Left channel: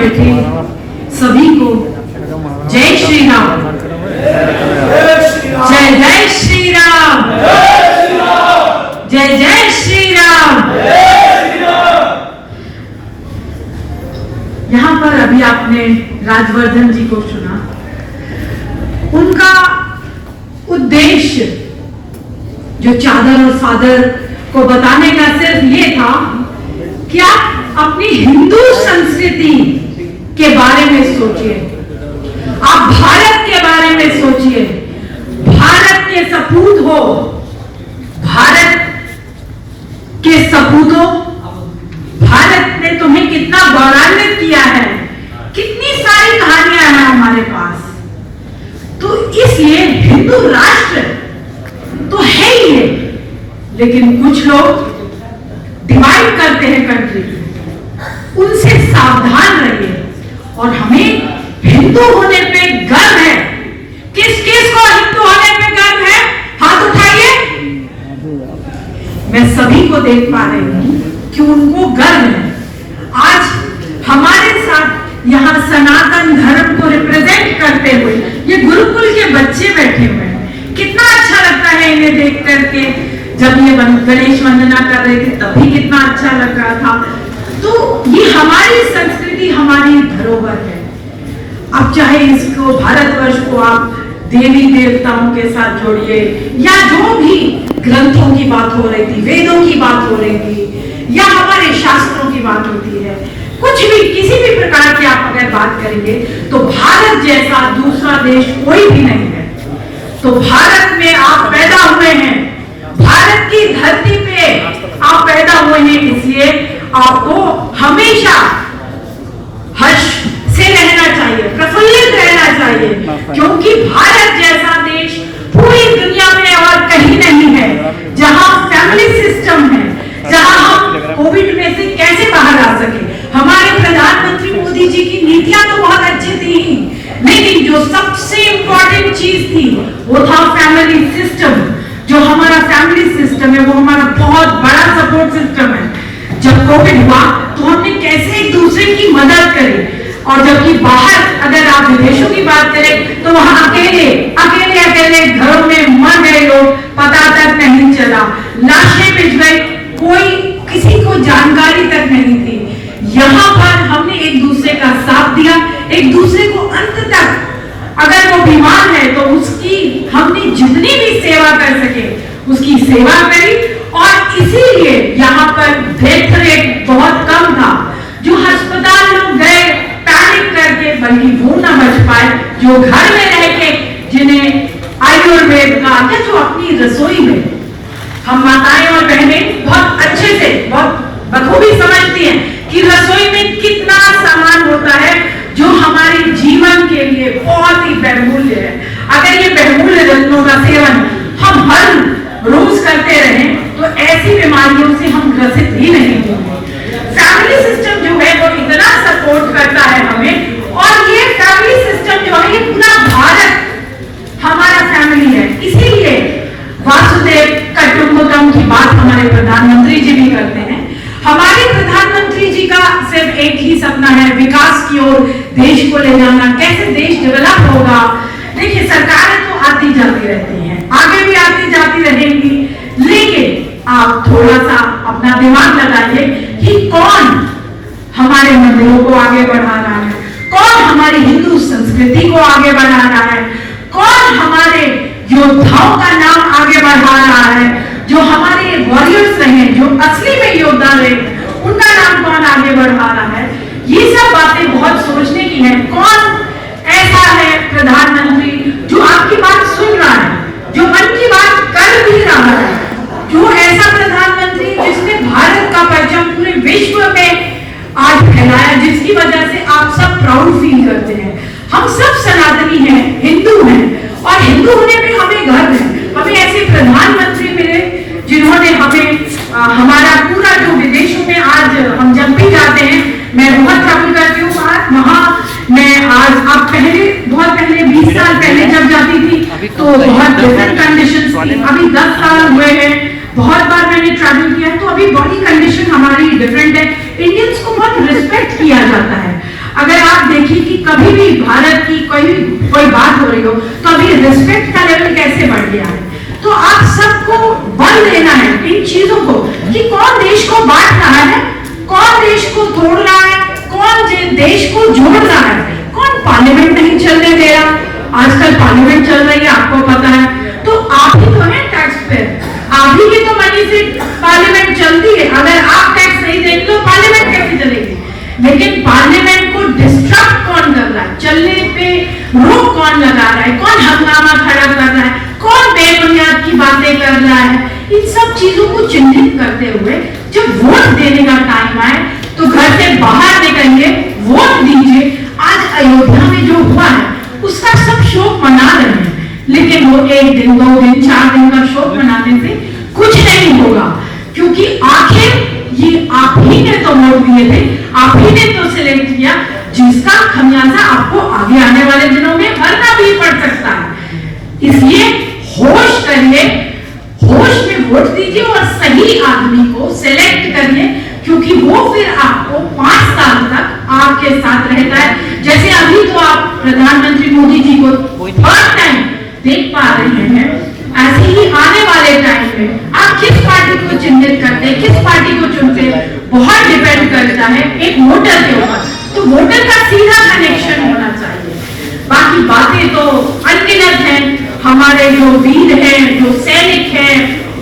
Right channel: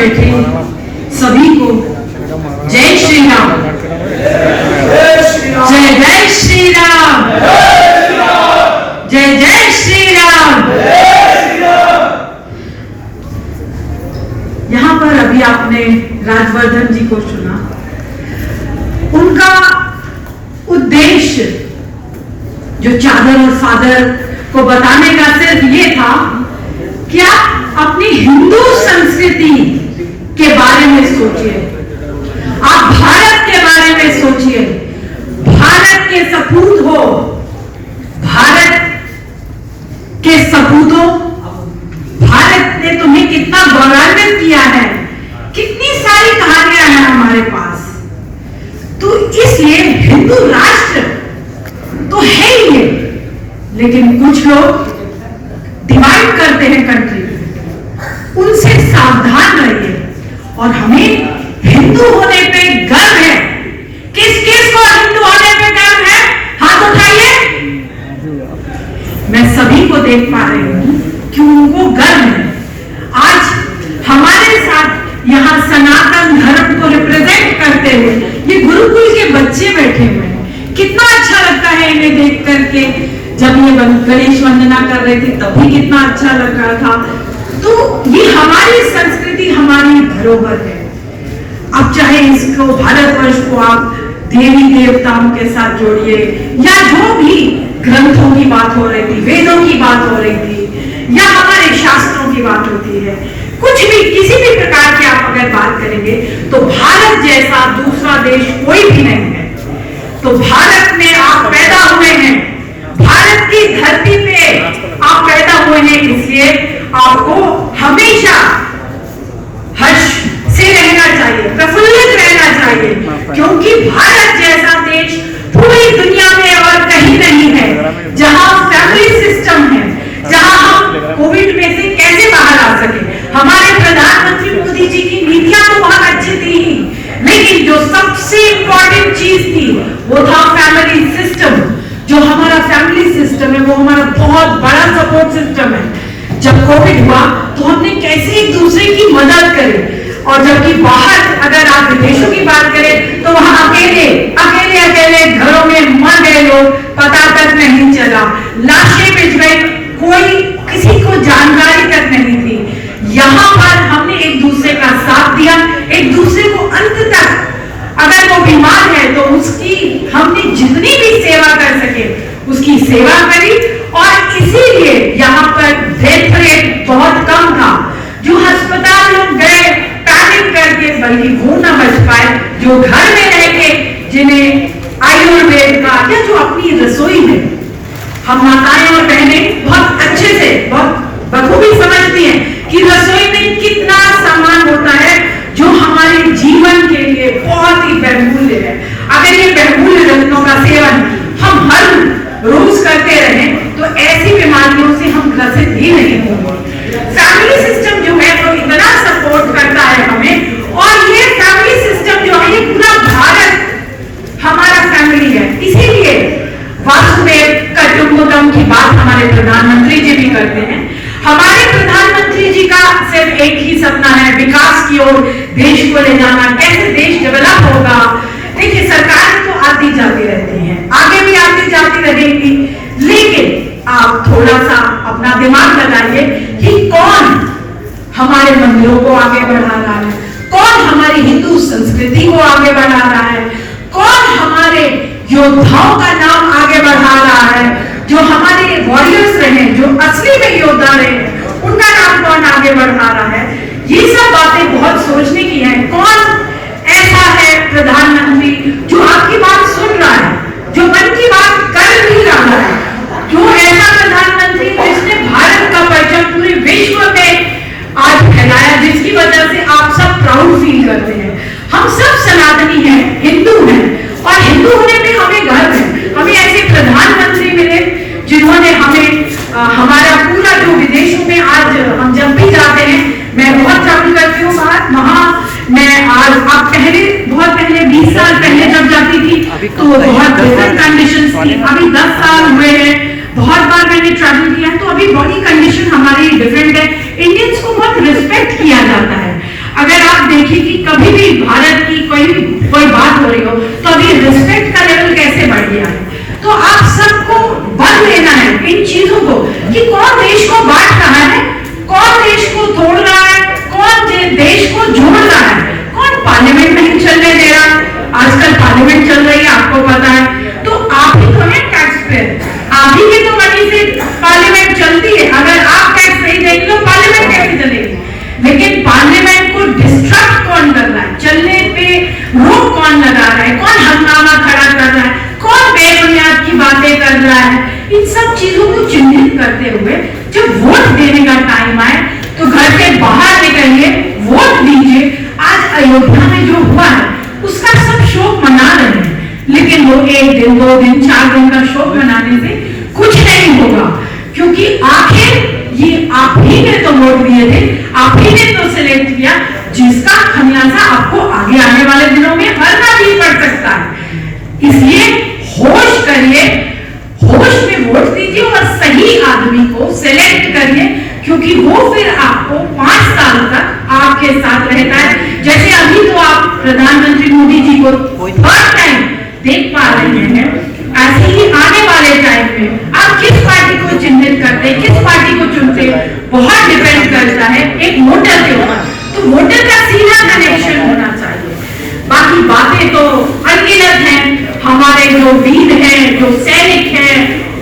बैठे सभी को जय श्री राम। जय जय श्री राम। जय जय श्री राम। यहाँ पर अभी आपने राजवर्धन जी को सुना। उनका उद्देश्य जो चादर और फादर को बताने का सिर्फ ये था कि आप अपनी हिंदू संस्कृति के बारे में सोचिए, आप भारत के बारे में सोचिए, भारत के सपूत हो, भारत के सपूत हो। भारत ने तुम्हें कितना गौरवान्वित किया है, कितनी सारी कहानियां हैं हमारे पास। तो इसलिए हिंदू राष्ट्र तो है ही है, लेकिन कुछ लोग डिवाइड करते हैं कंट्री, उनसे सावधान रहिए। और हमें हिंदू होने पे गर्व है। किस किस को हिंदू होने पे गर्व है? हाथ उठाइए। मैं सभी को देख पा रही हूं कि उनको गर्व है। आज हमारे साथ यहाँ सनातन धर्म को रिप्रेजेंट करते हुए ये गुरुकुल के बच्चे बैठे हुए हैं। कितना अच्छा लगता है इन्हें देख करके। जब ये गणेश वंदना कर रहे थे तब भी कितना अच्छा लग रहा था। तो ये हमारी संस्कृति, हमारी धरोहर है। अब चाहे इसको भारतवर्ष को आप देवी देवताओं के साथ जोड़िए, या जो भी ग्रंथों की बात हो रही थी, वेदों की बात हो रही थी, या हमारे शास्त्रों की बात होती है, कुछ भी किसी भी प्रकार की आप अगर बात करेंगे तो भारत जैसा दूसरा देश कोई भी नहीं है। तो भारत में आप पैदा हुए हैं, भारत की धरती पे आप पैदा हुए हैं, इसलिए आपको हमेशा हर्ष से रहना चाहिए, प्रफुल्लित रहना चाहिए, क्योंकि भारत जैसा देश पूरी दुनिया में और कहीं नहीं है। जहां फैमिली सिस्टम है, जहां हम कोविड में से कैसे बाहर आ सके। हमारे प्रधानमंत्री मोदी जी की नीतियां तो बहुत अच्छी थी, लेकिन जो सबसे इंपॉर्टेंट चीज थी वो था फैमिली सिस्टम। जो हमारा फैमिली सिस्टम है वो हमारा बहुत बड़ा सपोर्ट सिस्टम है। जब कोविड हुआ तो हमने कैसे एक दूसरे की मदद करी, और जबकि बाहर अगर आप विदेशों की बात करें तो वहां अकेले अकेले अकेले घरों में मर गए लोग, पता तक नहीं चला, लाशें बिछ गई, कोई किसी को जानकारी तक नहीं थी। यहाँ पर हमने एक दूसरे का साथ दिया, एक दूसरे को अंत तक, अगर वो बीमार है तो उसकी हमने जितनी भी सेवा कर सके उसकी सेवा करी। और इसीलिए यहाँ पर डेथ रेट बहुत कम था। जो अस्पताल लोग गए पैनिक करके, बल्कि वो न बच पाए जो घर में रह के, जिन्हें आयुर्वेद का या जो अपनी रसोई में, हम माताएं और बहनें बहुत अच्छे से, बहुत बखूबी समझती हैं कि रसोई में कितना सामान होता है जो हमारे जीवन के लिए बहुत ही बहुमूल्य है। अगर ये बहुमूल्य रत्नों का सेवन हम हर रोज करते रहे तो ऐसी बीमारियों से हम ग्रसित ही नहीं होंगे। फैमिली सिस्टम जो है वो इतना सपोर्ट करता है हमें, और ये फैमिली सिस्टम जो है ये पूरा भारत हमारा फैमिली है। इसीलिए वासुदेव कुटुंबकम की बात हमारे प्रधानमंत्री जी भी करते हैं। हमारे प्रधानमंत्री जी का सिर्फ एक ही सपना है, विकास की ओर देश को ले जाना, कैसे देश डेवलप होगा। देखिए सरकार तो आती जाती रहती है, आगे भी आती जाती रहेगी, लेकिन आप थोड़ा सा अपना दिमाग लगाइए कि कौन हमारे मंदिरों को आगे बढ़ा रहा है, कौन हमारी हिंदू संस्कृति को आगे बढ़ा रहा है, कौन हमारे योद्धाओं का नाम आगे बढ़ा रहा है, जो हमारे वॉरियर्स रहे, जो असली में योद्धा रहे, उनका नाम कौन आगे बढ़ा रहा है। ये सब बातें बहुत सोचने की है। कौन ऐसा है प्रधानमंत्री जो आपकी बात सुन रहा है, जो मन की बात कर भी रहा है, जो ऐसा प्रधानमंत्री जिसने भारत का परचम पूरे विश्व में आज फैलाया, जिसकी वजह से आप सब प्राउड फील करते हैं। हम सब सनातनी हैं, हिंदू हैं, और हिंदू होने पे हमें गर्व है। हमें ऐसे प्रधानमंत्री मिले जिन्होंने हमें हमारा पूरा जो विदेशों में आज हम जब भी जाते हैं, मैं बहुत ट्रैवल करती हूँ वहाँ मैं आज अब पहले बहुत पहले 20 साल पहले जब जाती थी तो बहुत डिफरेंट कंडीशंस थी। अभी 10 साल हुए हैं, बहुत बार मैंने ट्रैवल किया, तो अभी बॉडी कंडीशन हमारी डिफरेंट है। इंडियंस को बहुत रिस्पेक्ट किया जाता है। अगर आप देखिए कि कभी भी भारत की कोई बात हो रही हो तो अभी रिस्पेक्ट का लेवल कैसे बढ़ गया है। तो आप सबको बल लेना है इन चीजों को कि कौन देश को बांट रहा है, कौन देश को तोड़ रहा है, कौन देश को जोड़ रहा है, कौन पार्लियामेंट नहीं चलने दे रहा। आजकल पार्लियामेंट चल रही है, आपको पता है। तो आप ही तो है टैक्स पेयर, आप ही की तो मनी से पार्लियामेंट चलती है। अगर आप टैक्स नहीं देंगे तो पार्लियामेंट कैसे चलेगी। लेकिन पार्लियामेंट को डिस्ट्रक्ट कौन कर रहा है, चलने पे रोक कौन लगा रहा है, कौन हंगामा खड़ा कर रहा है, कौन बेबुनियाद की बातें कर रहा है, इन सब चीजों को चिन्हित करते हुए जब वोट देने का टाइम आए तो घर से बाहर निकलिए, वोट दीजिए। आज अयोध्या में जो हुआ है उसका सब शोक मना रहे हैं, लेकिन वो 1 दिन 2 दिन 4 दिन का शोक मनाने से कुछ नहीं होगा, क्योंकि आखिर ये आप ही ने तो वोट दिए थे, आप ही ने तो सिलेक्ट किया, जिसका खमियाजा आपको आगे आने वाले दिनों में भरना भी पड़ सकता है। इसलिए होश करिए, होश में वोट दीजिए और सही आदमी को सिलेक्ट करिए, क्योंकि वो फिर आपको 5 साल तक आपके साथ रहता है। जैसे अभी तो आप प्रधानमंत्री मोदी जी को थर्ड टाइम देख पा रहे हैं, ऐसे ही आने वाले टाइम में आप किस पार्टी को चिन्हित करते हैं, किस पार्टी को चुनते हैं, बहुत डिपेंड करता है एक वोटर के ऊपर। तो वोटर का सीधा कनेक्शन होना चाहिए। बाकी बातें तो अनगिनत हैं। हमारे जो वीर हैं, जो सैनिक हैं,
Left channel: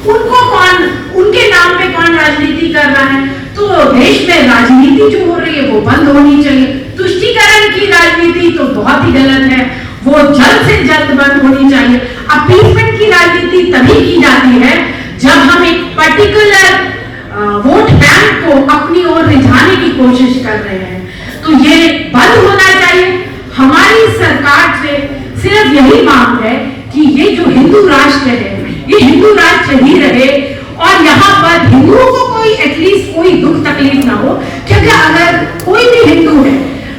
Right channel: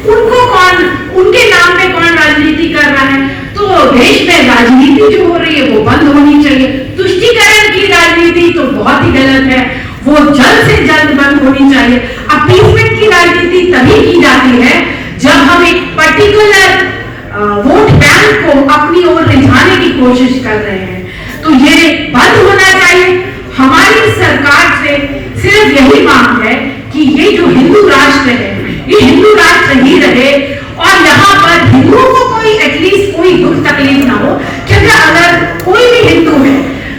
उनको कौन, उनके नाम पे कौन राजनीति कर रहा है। तो देश में राजनीति जो हो रही है वो बंद होनी चाहिए। तुष्टीकरण की राजनीति तो बहुत ही गलत है, वो जल्द से जल्द बंद होनी चाहिए। अपीसमेंट की राजनीति तभी की जाती है जब हम एक पर्टिकुलर वोट बैंक को अपनी ओर रिझाने की कोशिश कर रहे हैं, तो ये बंद होना चाहिए। हमारी सरकार से सिर्फ यही मांग है कि ये जो हिंदू राष्ट्र है, ये हिंदू राष्ट्र ही रहे और यहाँ पर हिंदुओं को कोई एटलीस्ट कोई दुख तकलीफ ना हो। क्योंकि अगर कोई भी हिंदू है,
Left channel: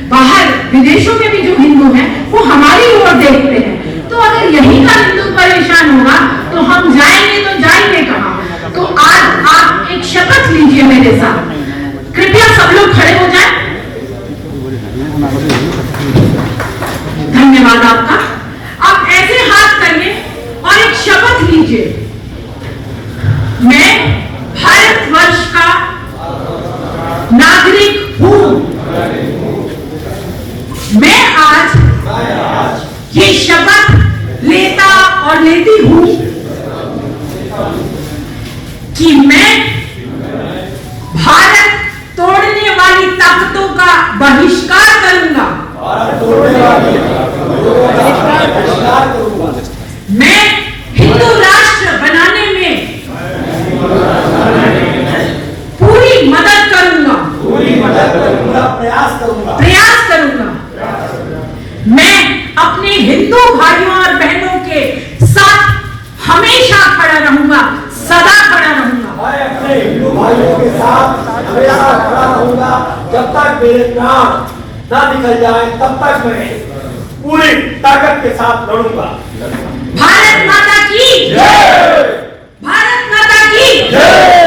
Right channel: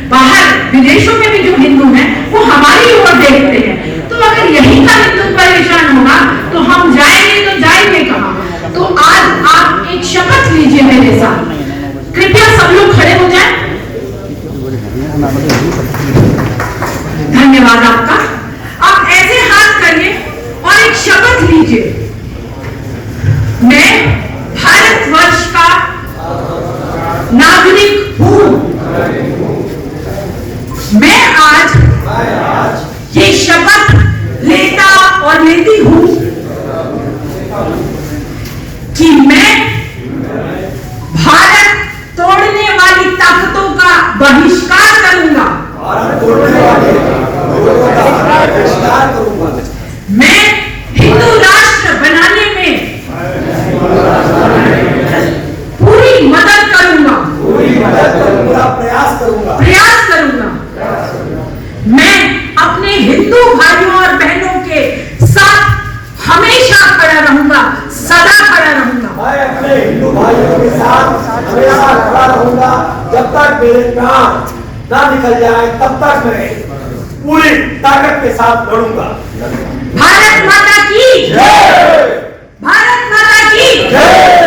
बाहर विदेशों में भी जो हिंदू हैं वो हमारी ओर देखते हैं, तो अगर यही का हिंदू परेशान होगा तो हम जाएंगे तो जाएंगे कहाँ। तो आज आप एक शपथ लीजिए मेरे साथ, कृपया सब लोग खड़े हो जाएं। धन्यवाद आपका। आप ऐसे हाथ करिए और एक शपथ लीजिए, मैं भारतवर्ष का नागरिक हूं। मैं आज ये शपथ लेता और लेती हूं कि मैं भारत तोड़ने वाली ताकतों का बहिष्कार करूंगा। मैं हिंदू राष्ट्र बनाने में पूरी मदद करूंगा, प्रयास करूंगा। मैं अपने हिंदू भाइयों और बहनों के साथ हमेशा खड़ा रहूंगा, सदा खड़ा रहूंगा। मैं अपने हिंदू भाइयों के साथ हमेशा खड़ा रहूंगा, जब तक मेरे प्राण ना निकल जाए तब तक मैं पूरी ताकत के साथ लड़ूंगा। भारत माता की जय! भारत माता की जय!